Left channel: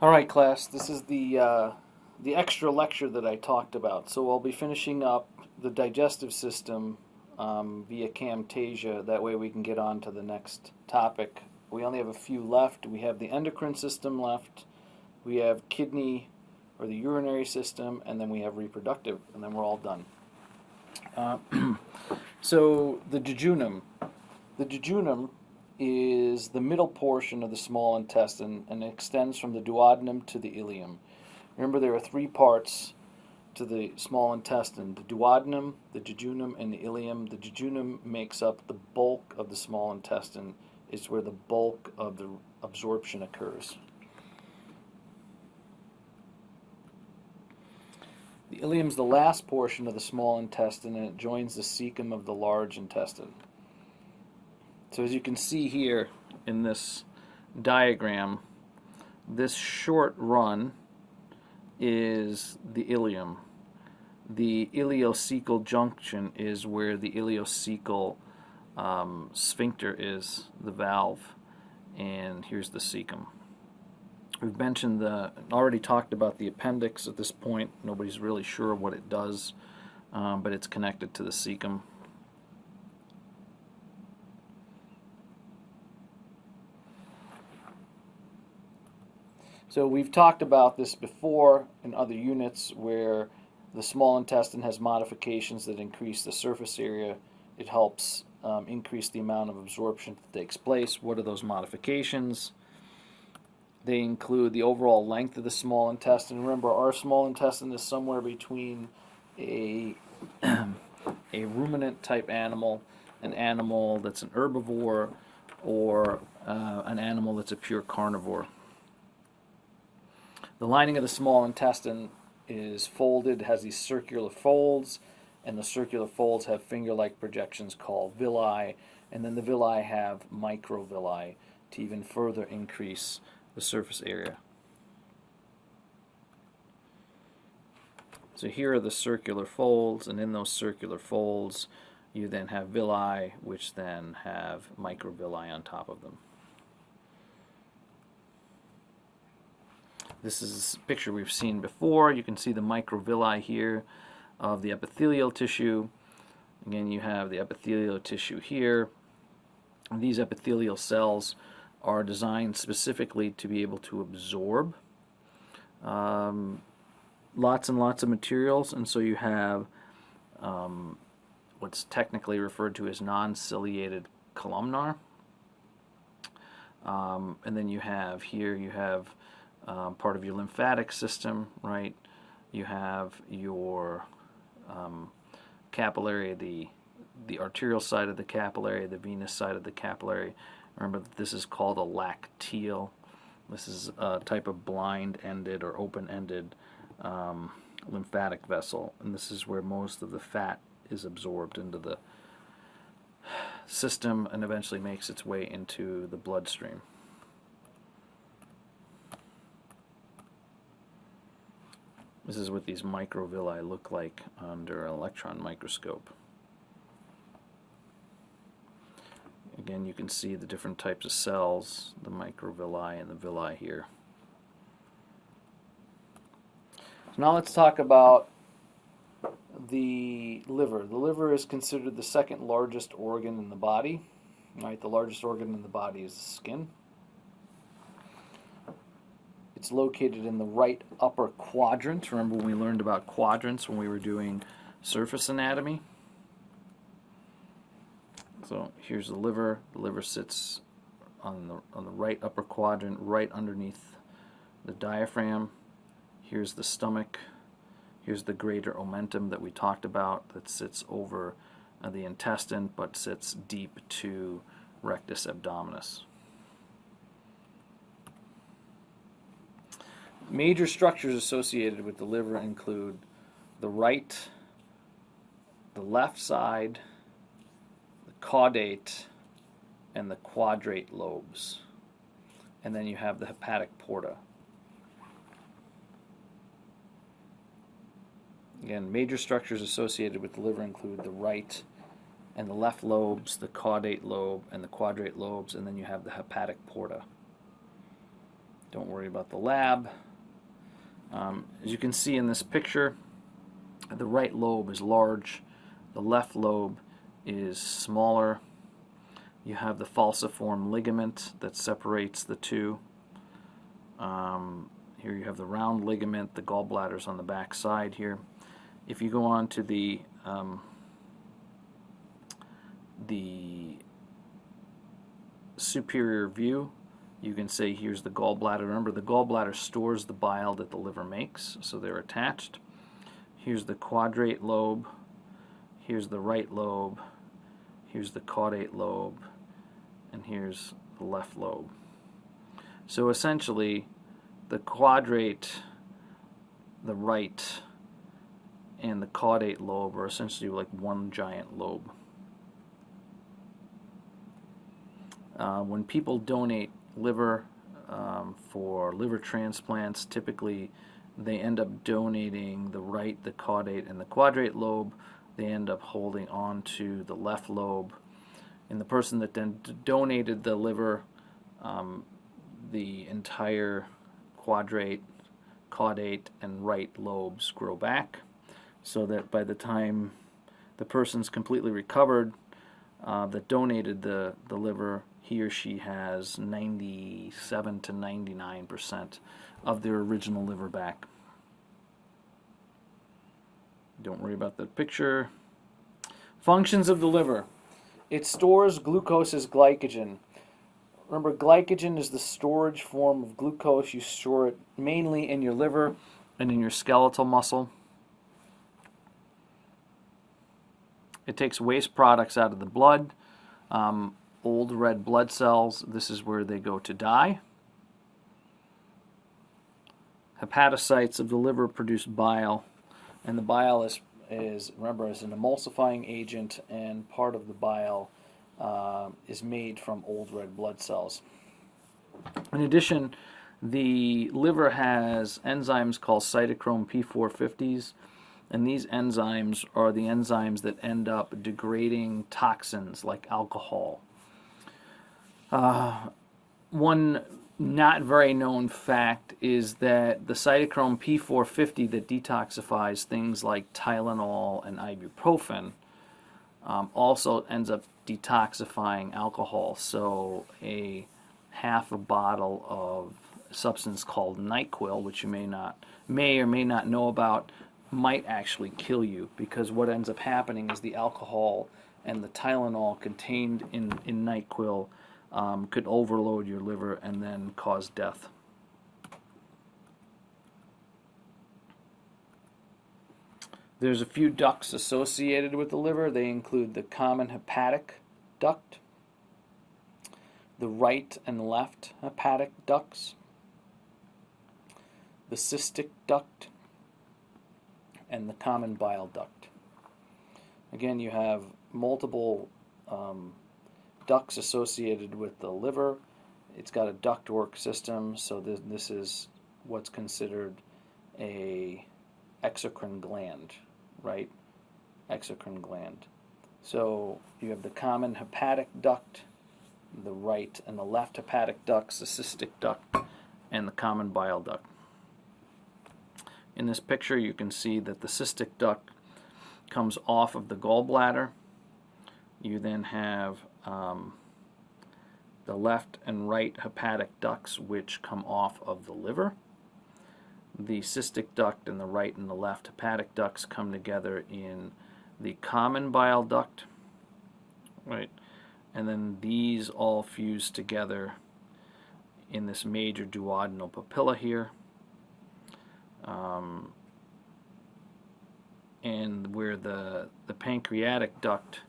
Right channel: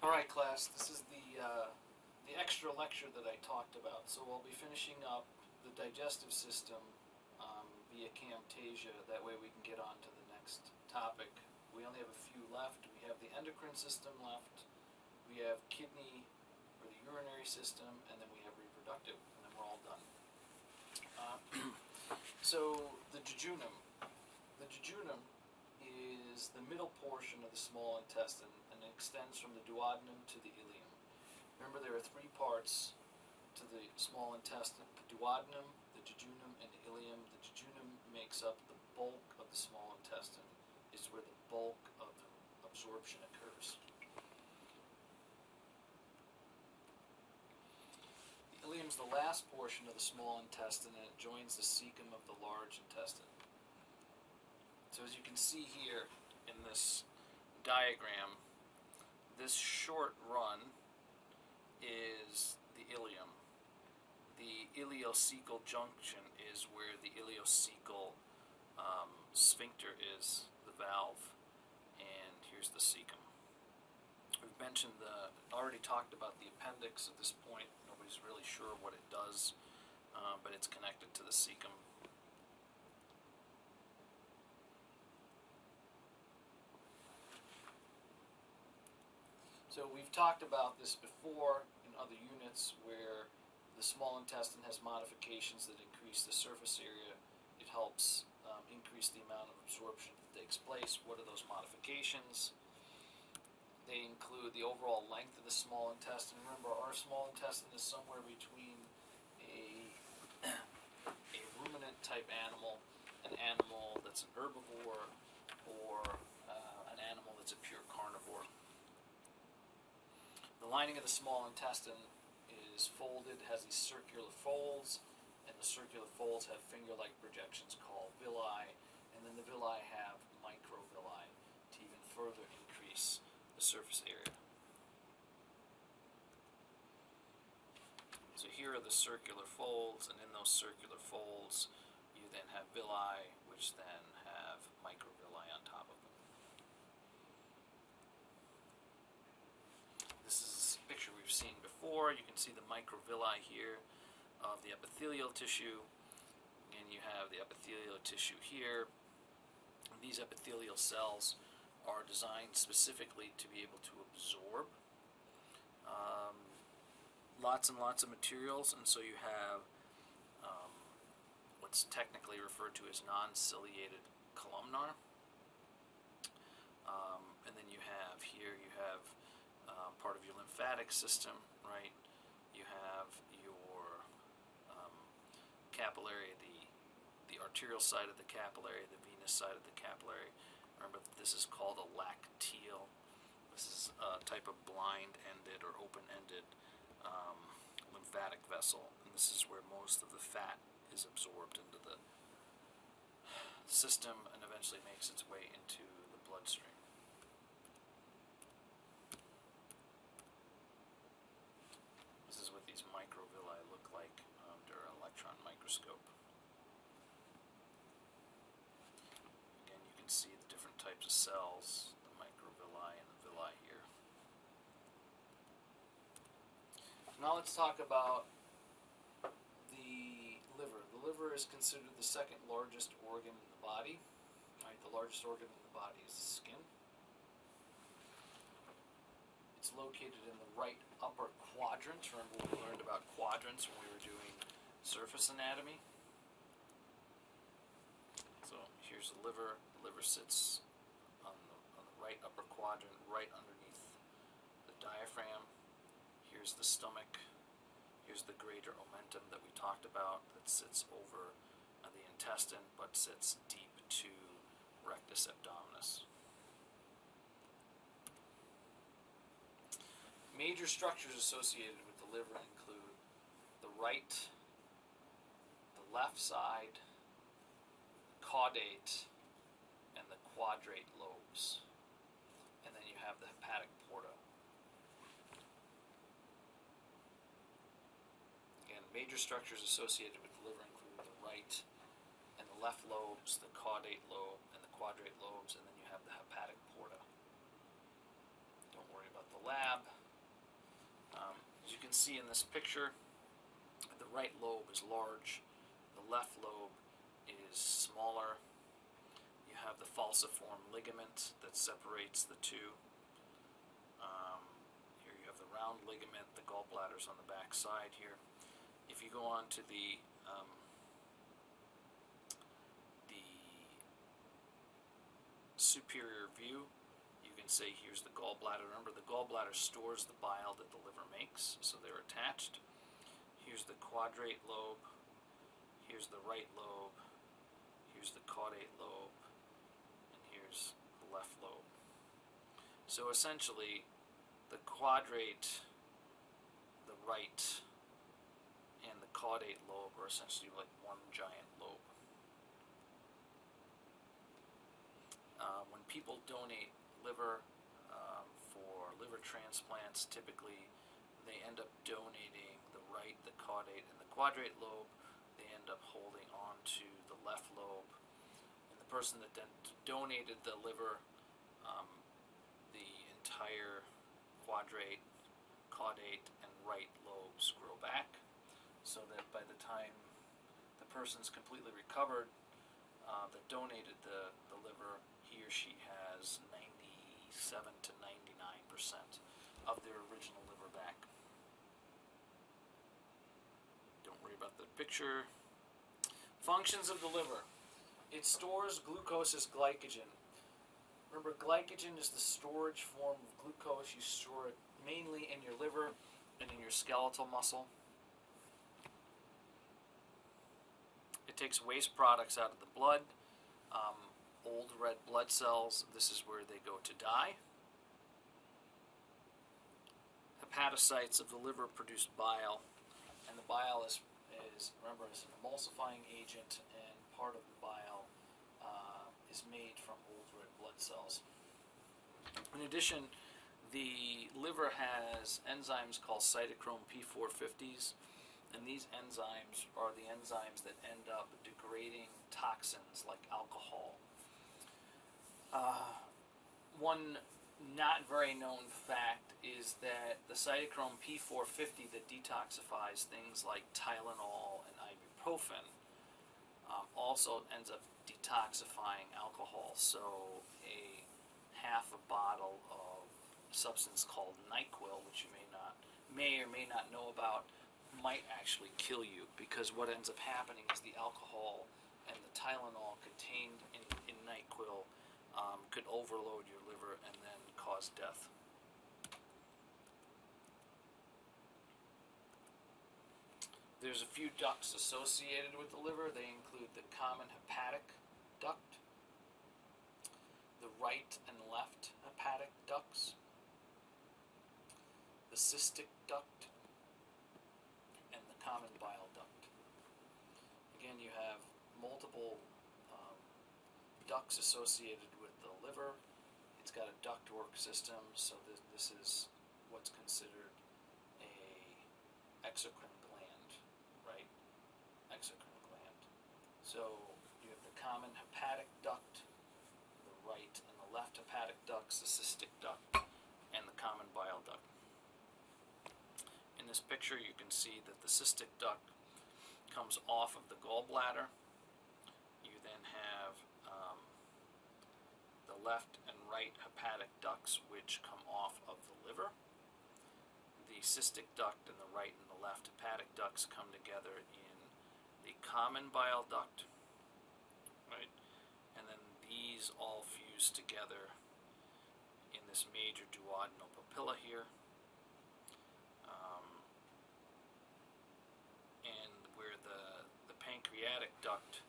All right, class. This is the extra lecture that I talked about. So I'll be finishing up the digestive system via Camtasia. That way we can get on to the next topic. We only have a few left. We have the endocrine system left. We have kidney or the urinary system, and then we have reproductive, and then we're all done. Uh, so the jejunum. The jejunum is the middle portion of the small intestine and extends from the duodenum to the ileum. Remember, there are three parts to the small intestine: the duodenum, the jejunum, and the ileum. The jejunum makes up the bulk of the small intestine, is where the bulk of the absorption occurs. The ileum is the last portion of the small intestine, and it joins the cecum of the large intestine. So as you can see here in this diagram, this short run is the ileum. The ileocecal junction is where the ileocecal sphincter is, the valve, and here's the cecum. We've already talked about the appendix at this point. Nobody's really sure what it does, but it's connected to the cecum. So we've talked about this before in other units where the small intestine has modifications that increase the surface area. It helps increase the amount of absorption that takes place. What are those modifications? They include the overall length of the small intestine. Remember, our small intestine is somewhere between a a ruminant type animal, an animal that's an herbivore, or an animal that's a pure carnivore. The lining of the small intestine is folded, has these circular folds, and the circular folds have finger-like projections called villi, and then the villi have microvilli to even further increase the surface area. So here are the circular folds, and in those circular folds you then have villi, which then have microvilli on top of them. This is a picture we've seen before. You can see the microvilli here of the epithelial tissue. Again, you have the epithelial tissue here. And these epithelial cells are designed specifically to be able to absorb lots and lots of materials, and so you have what's technically referred to as non-ciliated columnar. And then you have part of your lymphatic system, right? You have your capillary, the arterial side of the capillary, the venous side of the capillary. Remember that this is called a lacteal. This is a type of blind-ended or open-ended lymphatic vessel, and this is where most of the fat is absorbed into the system and eventually makes its way into the bloodstream. This is what these microvilli look like under an electron microscope. Again, you can see the different types of cells, the microvilli and the villi here. So now let's talk about the liver. The liver is considered the second largest organ in the body. Right? The largest organ in the body is the skin. It's located in the right upper quadrant. Remember when we learned about quadrants when we were doing surface anatomy? So here's the liver. The liver sits on the right upper quadrant, right underneath the diaphragm. Here's the stomach. Here's the greater omentum that we talked about that sits over the intestine but sits deep to rectus abdominis. Major structures associated with the liver include the right, the left side, the caudate, and the quadrate lobes. And then you have the hepatic porta. Again, major structures associated with the liver include the right and the left lobes, the caudate lobe, and the quadrate lobes, and then you have the hepatic porta. Don't worry about the lab. As you can see in this picture, the right lobe is large, the left lobe is smaller. You have the falciform ligament that separates the two. Here you have the round ligament, the gallbladder's on the back side here. If you go on to the superior view, you can say here's the gallbladder. Remember, the gallbladder stores the bile that the liver makes, so they're attached. Here's the quadrate lobe, here's the right lobe, here's the caudate lobe, and here's the left lobe. So essentially, the quadrate, the right, and the caudate lobe are essentially like one giant lobe. When people donate liver for liver transplants, typically they end up donating the right, the caudate, and the quadrate lobe. They end up holding on to the left lobe. And the person that then donated the liver, the entire quadrate, caudate, and right lobes grow back, so that by the time the person's completely recovered that donated the liver, he or she has 97 to 99% of their original liver back. Don't worry about the picture. Functions of the liver. It stores glucose as glycogen. Remember, glycogen is the storage form of glucose. You store it mainly in your liver and in your skeletal muscle. It takes waste products out of the blood. Old red blood cells, this is where they go to die. Hepatocytes of the liver produce bile, and the bile is remember, is an emulsifying agent, and part of the bile is made from old red blood cells. In addition, the liver has enzymes called cytochrome P450s, and these enzymes are the enzymes that end up degrading toxins like alcohol. One not very known fact is that the cytochrome P450 that detoxifies things like Tylenol and ibuprofen also ends up detoxifying alcohol. So a half a bottle of a substance called NyQuil, which you may or may not know about, might actually kill you, because what ends up happening is the alcohol and the Tylenol contained in NyQuil could overload your liver and then cause death. There's a few ducts associated with the liver. They include the common hepatic duct, the right and left hepatic ducts, the cystic duct, and the common bile duct. Again, you have multiple ducts associated with the liver. It's got a ductwork system, so this is what's considered a exocrine gland, right? Exocrine gland. So you have the common hepatic duct, the right and the left hepatic ducts, the cystic duct, and the common bile duct. In this picture, you can see that the cystic duct comes off of the gallbladder. You then have the left and right hepatic ducts, which come off of the liver. The cystic duct and the right and the left hepatic ducts come together in the common bile duct, right? And then these all fuse together in this major duodenal papilla here. And where the pancreatic duct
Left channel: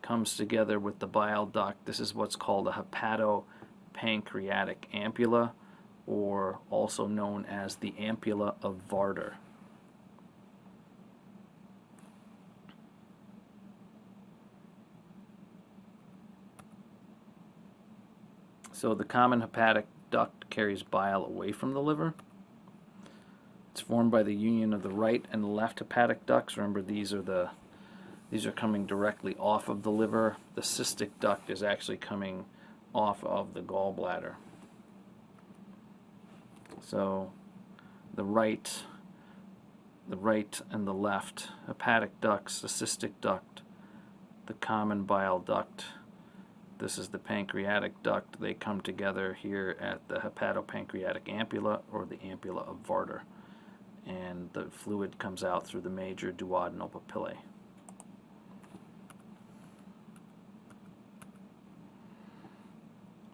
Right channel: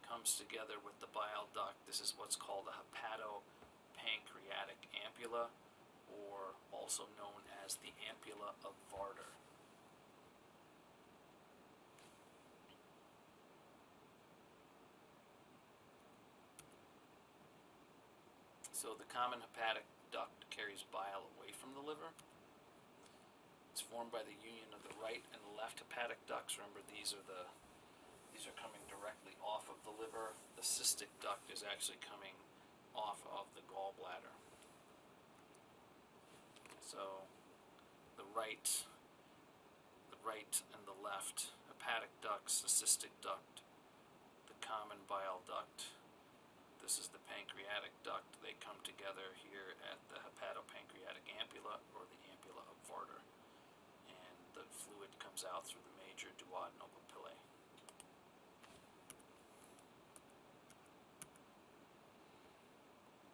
comes together with the bile duct, this is what's called a hepatopancreatic ampulla, or also known as the ampulla of Varder. So the common hepatic duct carries bile away from the liver. It's formed by the union of the right and the left hepatic ducts. Remember, these are coming directly off of the liver. The cystic duct is actually coming off of the gallbladder. So the right and the left, hepatic ducts, the cystic duct, the common bile duct. This is the pancreatic duct. They come together here at the hepatopancreatic ampulla, or the ampulla of Varder, and the fluid comes out through the major duodenal papillae.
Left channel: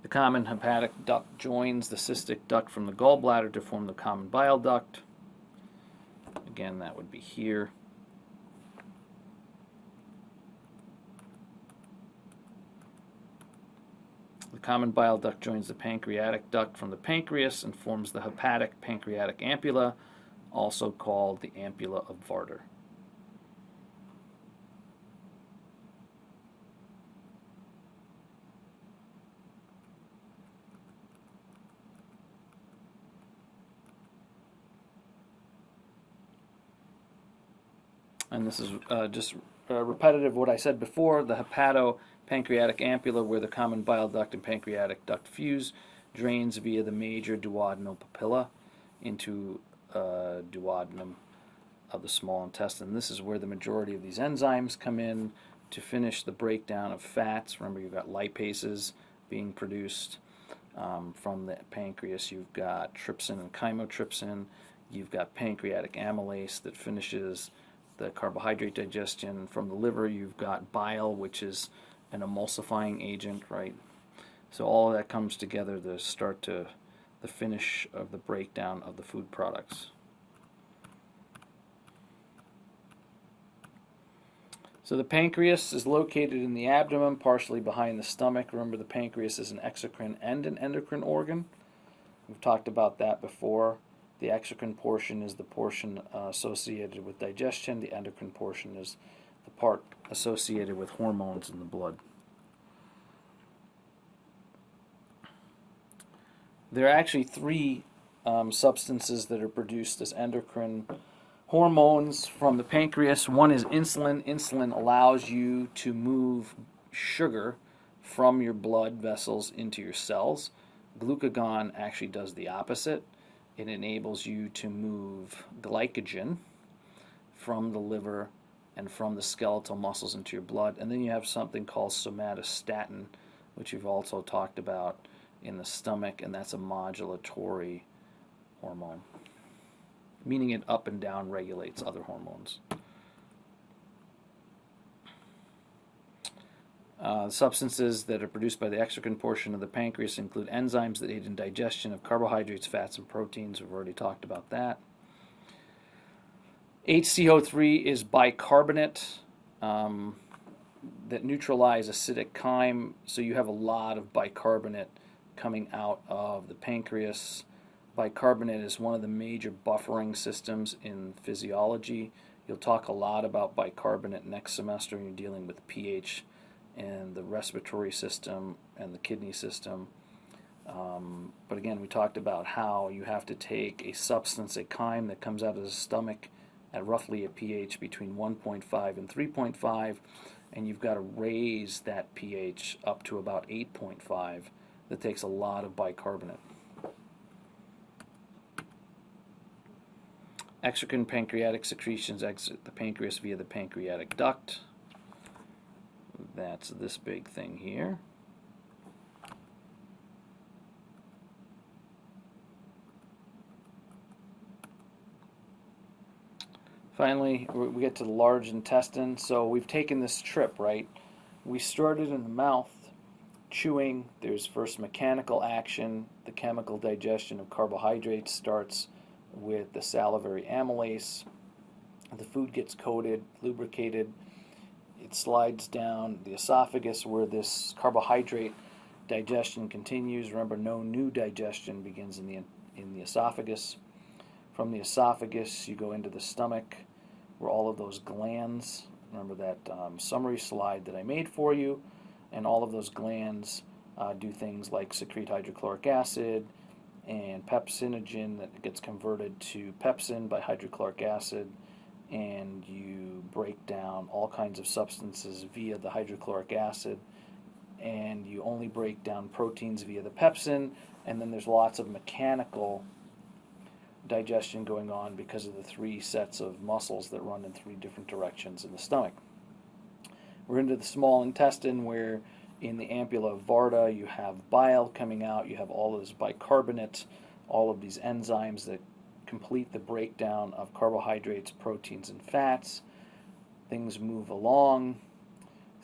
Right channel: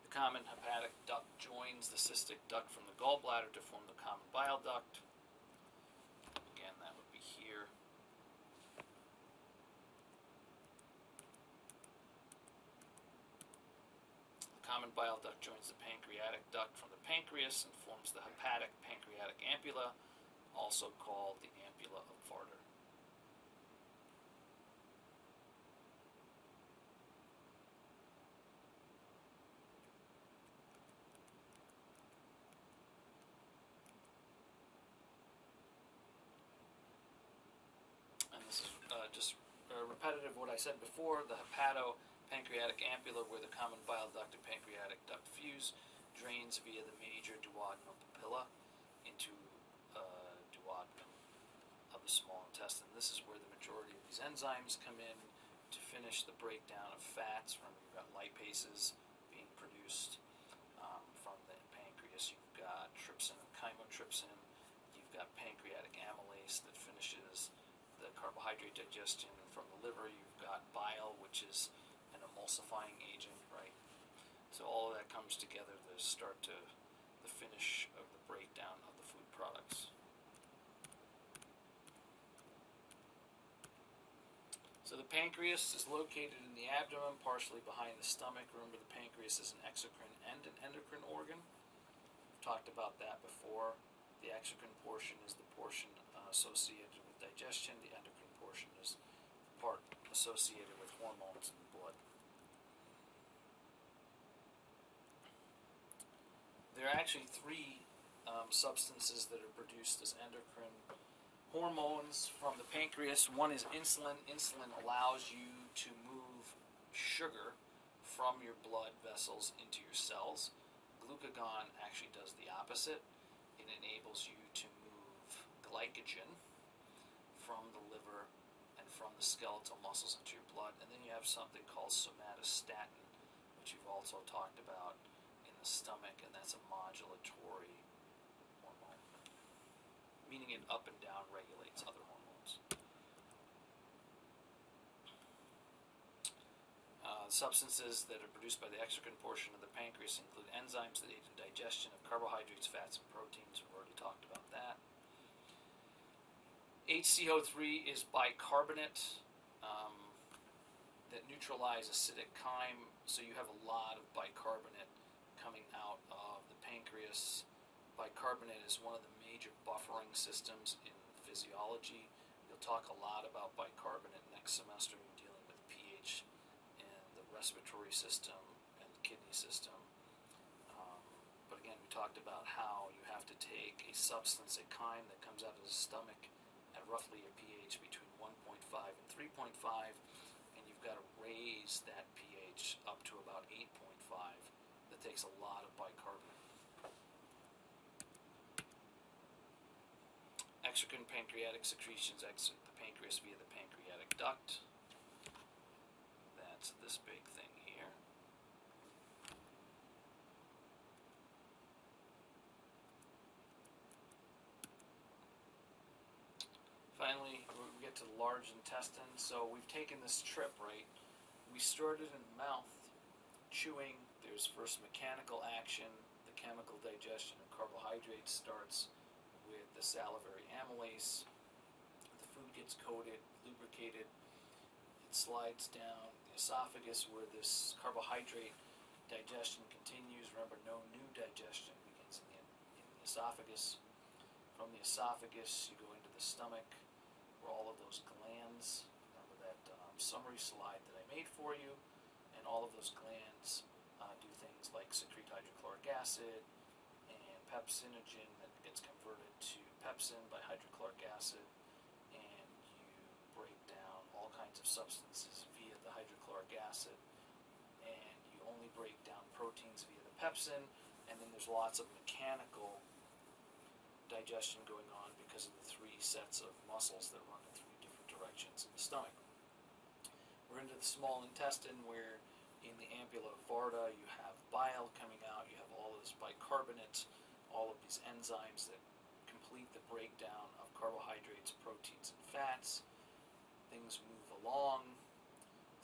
The common hepatic duct joins the cystic duct from the gallbladder to form the common bile duct. Again, that would be here. The common bile duct joins the pancreatic duct from the pancreas and forms the hepatic pancreatic ampulla, also called the ampulla of Varder. And this is just repetitive of what I said before. The hepatopancreatic ampulla, where the common bile duct and pancreatic duct fuse, drains via the major duodenal papilla into duodenum of the small intestine. This is where the majority of these enzymes come in to finish the breakdown of fats. Remember, you've got lipases being produced from the pancreas. You've got trypsin and chymotrypsin. You've got pancreatic amylase that finishes the carbohydrate digestion. From the liver, you've got bile, which is an emulsifying agent, right? So all of that comes together to start to the finish of the breakdown of the food products. So the pancreas is located in the abdomen, partially behind the stomach. Remember, the pancreas is an exocrine and an endocrine organ. We've talked about that before. The exocrine portion is the portion associated with digestion. The endocrine portion is the part associated with hormones in the blood. There are actually three substances that are produced as endocrine hormones from the pancreas. One is insulin. Insulin allows you to move sugar from your blood vessels into your cells. Glucagon actually does the opposite. It enables you to move glycogen from the liver and from the skeletal muscles into your blood. And then you have something called somatostatin, which you've also talked about in the stomach, and that's a modulatory hormone, meaning it up and down regulates other hormones. Substances that are produced by the exocrine portion of the pancreas include enzymes that aid in digestion of carbohydrates, fats, and proteins. We've already talked about that. HCO3 is bicarbonate that neutralize acidic chyme, so you have a lot of bicarbonate coming out of the pancreas. Bicarbonate is one of the major buffering systems in physiology. You'll talk a lot about bicarbonate next semester when you're dealing with pH and the respiratory system and the kidney system. But again, we talked about how you have to take a substance, a chyme that comes out of the stomach at roughly a pH between 1.5 and 3.5, and you've got to raise that pH up to about 8.5. That takes a lot of bicarbonate. Exocrine pancreatic secretions exit the pancreas via the pancreatic duct. That's this big thing here. Finally, we get to the large intestine. So we've taken this trip, right? We started in the mouth, chewing. There's first mechanical action. The chemical digestion of carbohydrates starts with the salivary amylase. The food gets coated, lubricated. It slides down the esophagus where this carbohydrate digestion continues. Remember, no new digestion begins in the esophagus. From the esophagus, you go into the stomach where all of those glands, remember that summary slide that I made for you, and all of those glands do things like secrete hydrochloric acid and pepsinogen that gets converted to pepsin by hydrochloric acid, and you break down all kinds of substances via the hydrochloric acid, and you only break down proteins via the pepsin, and then there's lots of mechanical digestion going on because of the three sets of muscles that run in three different directions in the stomach. We're into the small intestine, where in the ampulla varta you have bile coming out, you have all of this bicarbonate, all of these enzymes that complete the breakdown of carbohydrates, proteins, and fats. Things move along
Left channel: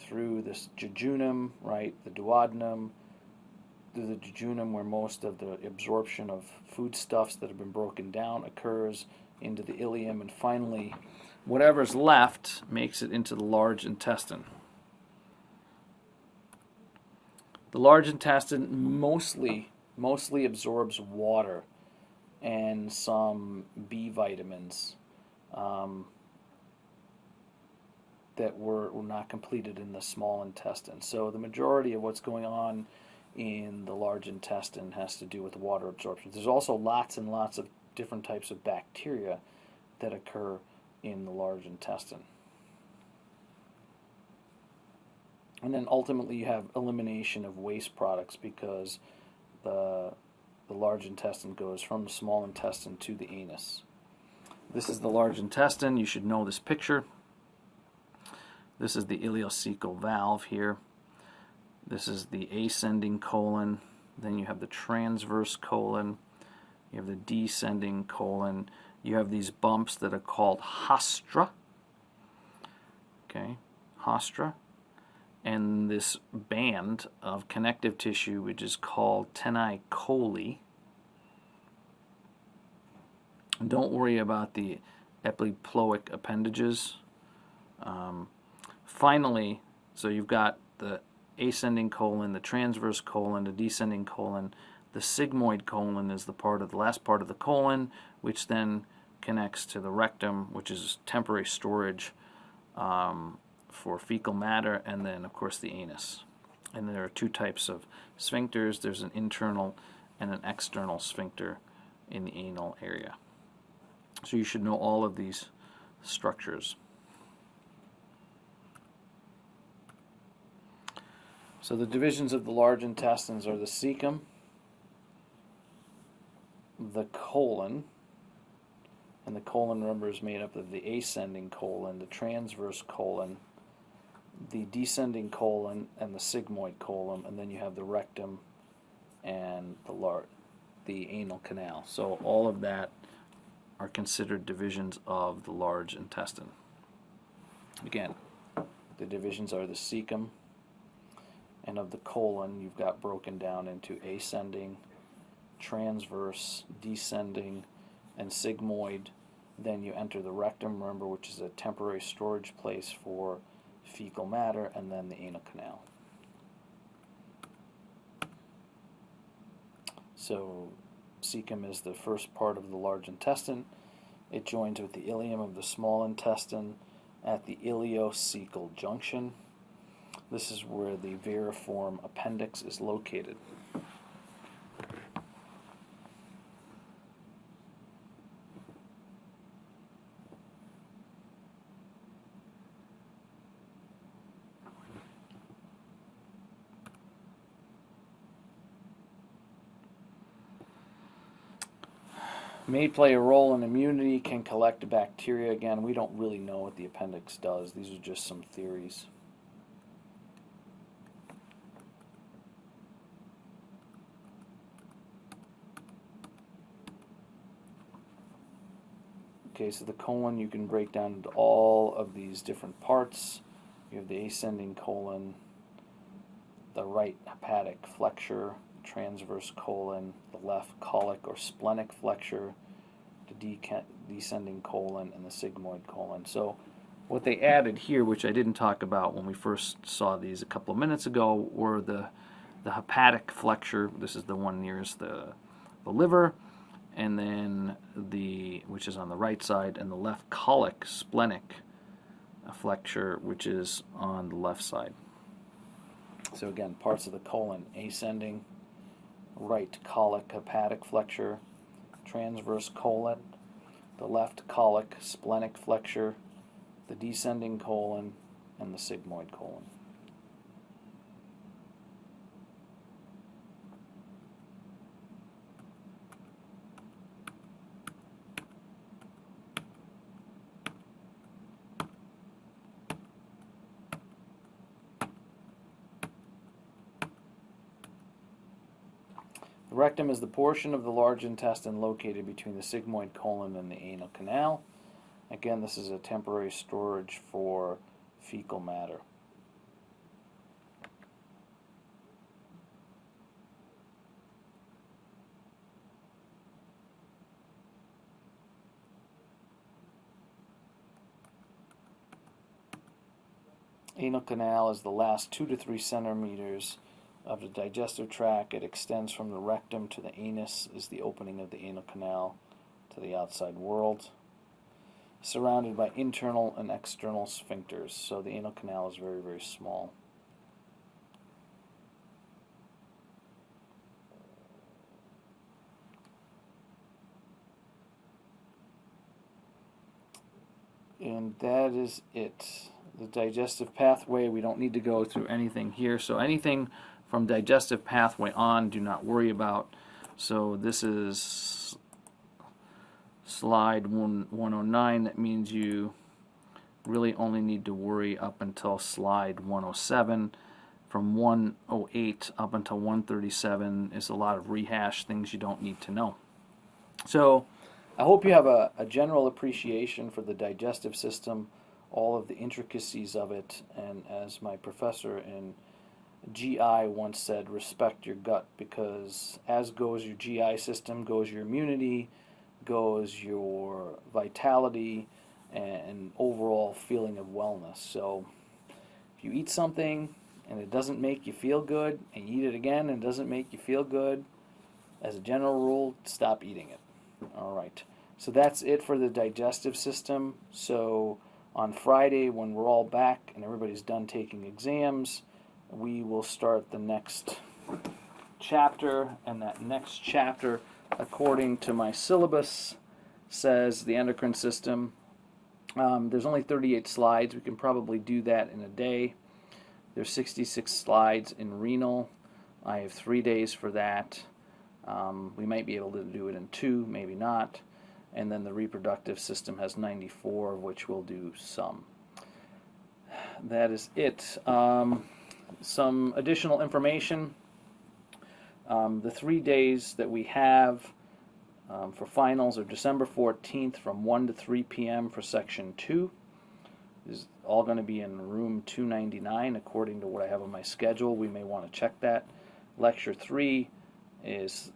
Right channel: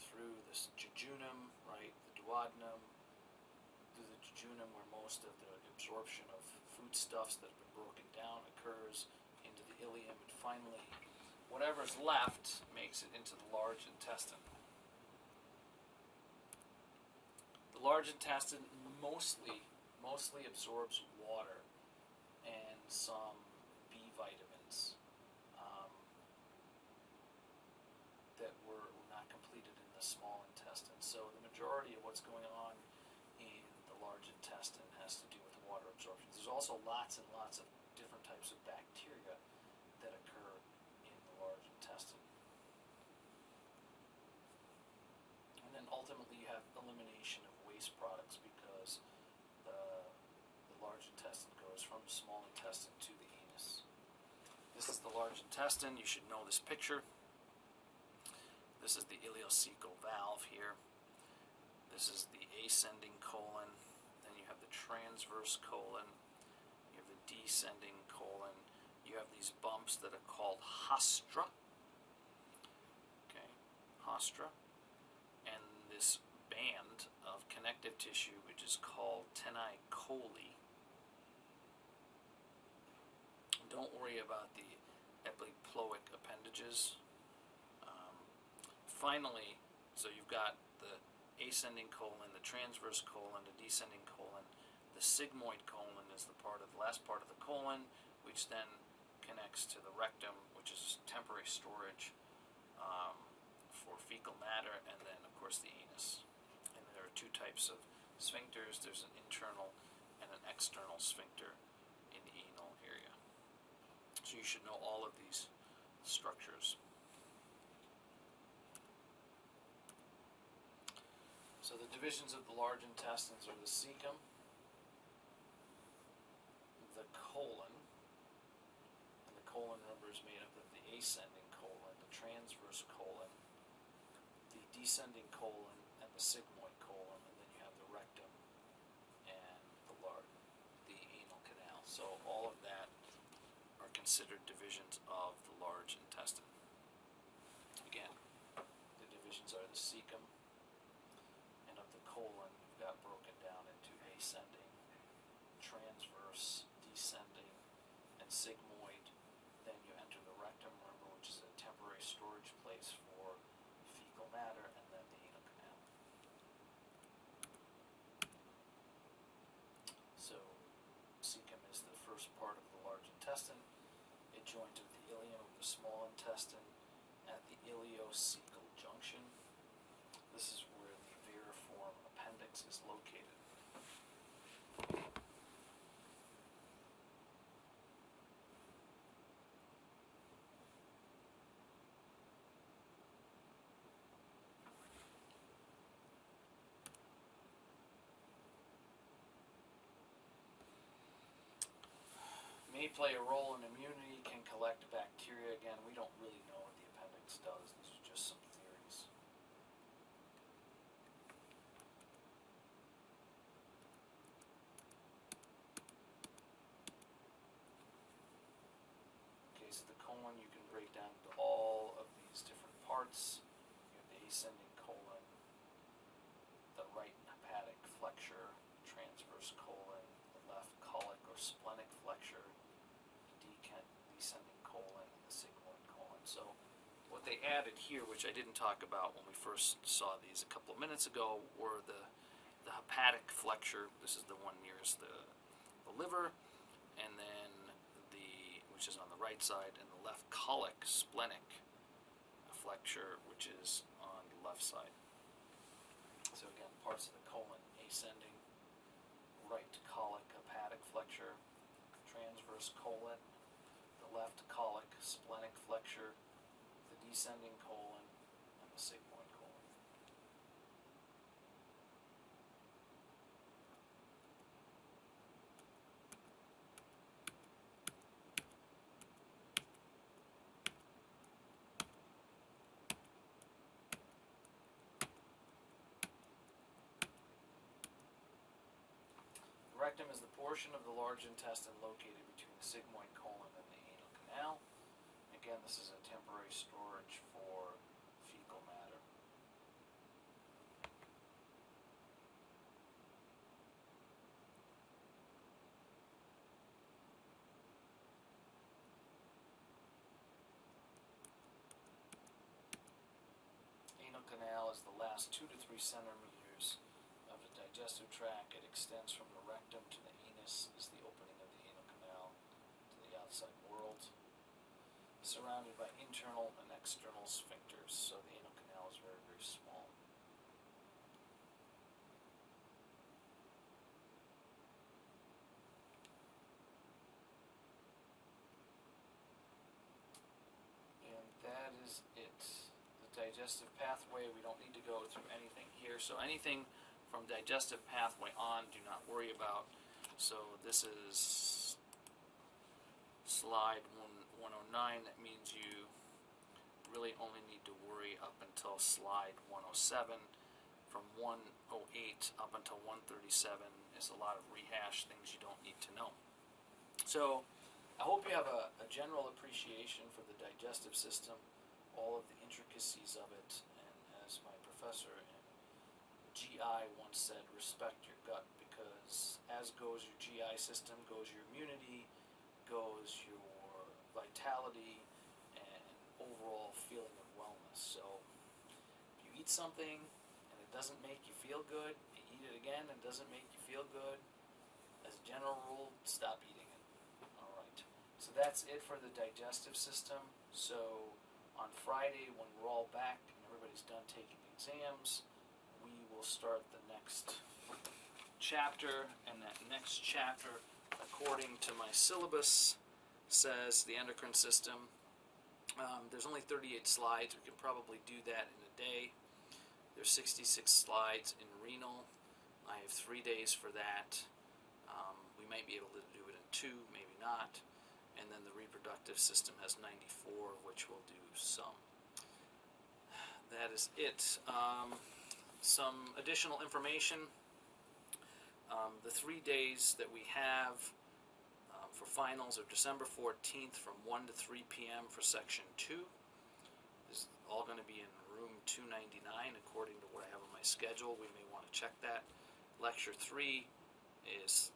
through this jejunum, right, the duodenum, through the jejunum where most of the absorption of foodstuffs that have been broken down occurs, into the ileum, and finally whatever's left makes it into the large intestine. The large intestine mostly absorbs water and some B vitamins that were not completed in the small intestine. So the majority of what's going on in the large intestine has to do with water absorption. There's also lots and lots of different types of bacteria that occur in the large intestine. And then ultimately you have elimination of waste products, because the large intestine goes from the small intestine to the anus. This is the large intestine. You should know this picture. This is the ileocecal valve here. This is the ascending colon. Then you have the transverse colon. You have the descending colon. You have these bumps that are called haustra. Okay, haustra. And this band of connective tissue, which is called tenai coli. Don't worry about the epiploic appendages. Finally, so you've got the ascending colon, the transverse colon, the descending colon. The sigmoid colon is the last part of the colon, which then connects to the rectum, which is temporary storage for fecal matter, and then of course the anus. And there are two types of sphincters. There's an internal and an external sphincter in the anal area. So you should know all of these structures. So the divisions of the large intestines are the cecum, the colon, and the colon, remember, is made up of the ascending colon, the transverse colon, the descending colon, and the sigmoid colon, and then you have the rectum and the anal canal. So all of that are considered divisions of the large intestine. Again, the divisions are the cecum, and of the colon you've got broken down into ascending, transverse, descending, and sigmoid. Then you enter the rectum, remember, which is a temporary storage place for fecal matter, and then the anal canal. So cecum is the first part of the large intestine. It joins with the ileum of the small intestine at the ileocecal junction. This is where the variform appendix is located. May play a role in immunity, can collect bacteria. Again, we don't really know what the appendix does. These are just some theories. Okay, so the colon you can break down into all of these different parts. You have the ascending colon, the right hepatic flexure, the transverse colon, the left colic or splenic flexure, the descending colon, and the sigmoid colon. So what they added here, which I didn't talk about when we first saw these a couple of minutes ago, were the hepatic flexure. This is the one nearest the liver, and then which is on the right side, and the left colic splenic flexure, which is on the left side. So again, parts of the colon: ascending, right colic hepatic flexure, transverse colon, the left colic splenic flexure, the descending colon, and the sigmoid colon. rectum is the portion of the large intestine located between the sigmoid colon and the anal canal. Again, this is a temporary storage for fecal matter. Anal canal is the last 2 to 3 centimeters of the digestive tract. It extends from the rectum to the anus, is the opening of the anal canal to the outside world, surrounded by internal and external sphincters. So the anal canal is very, very small. And that is it. The digestive pathway, we don't need to go through anything here. So anything from digestive pathway on, do not worry about. So this is slide 109. That means you really only need to worry up until slide 107. From 108 up until 137 is a lot of rehash, things you don't need to know. So I hope you have a general appreciation for the digestive system, all of the intricacies of it, and as my professor in GI once said, respect your gut, because as goes your GI system, goes your immunity, goes your vitality, and overall feeling of wellness. So if you eat something and it doesn't make you feel good, and you eat it again and it doesn't make you feel good, as a general rule, stop eating it. All right. So that's it for the digestive system. So on Friday, when we're all back and everybody's done taking exams, we will start the next chapter, and that next chapter, according to my syllabus, says the endocrine system. There's only 38 slides. We can probably do that in a day. There's 66 slides in renal. I have 3 days for that. We might be able to do it in 2, maybe not. And then the reproductive system has 94, of which we'll do some. That is it. Some additional information. The 3 days that we have for finals are December 14th from 1 to 3 p.m. for Section 2. This is all going to be in room 299 according to what I have on my schedule. We may want to check that. Lecture 3 is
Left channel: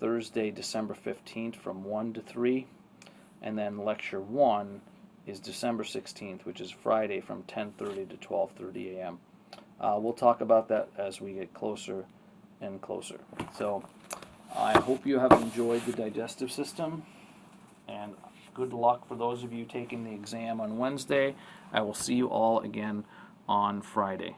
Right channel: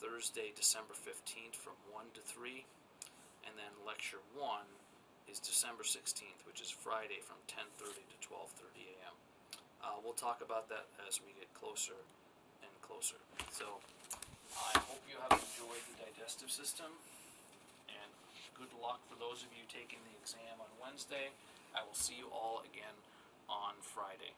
Thursday, December 15th from 1 to 3. And then Lecture 1 is December 16th, which is Friday from 10:30 to 12:30 a.m. We'll talk about that as we get closer and closer. So I hope you have enjoyed the digestive system, and good luck for those of you taking the exam on Wednesday. I will see you all again on Friday.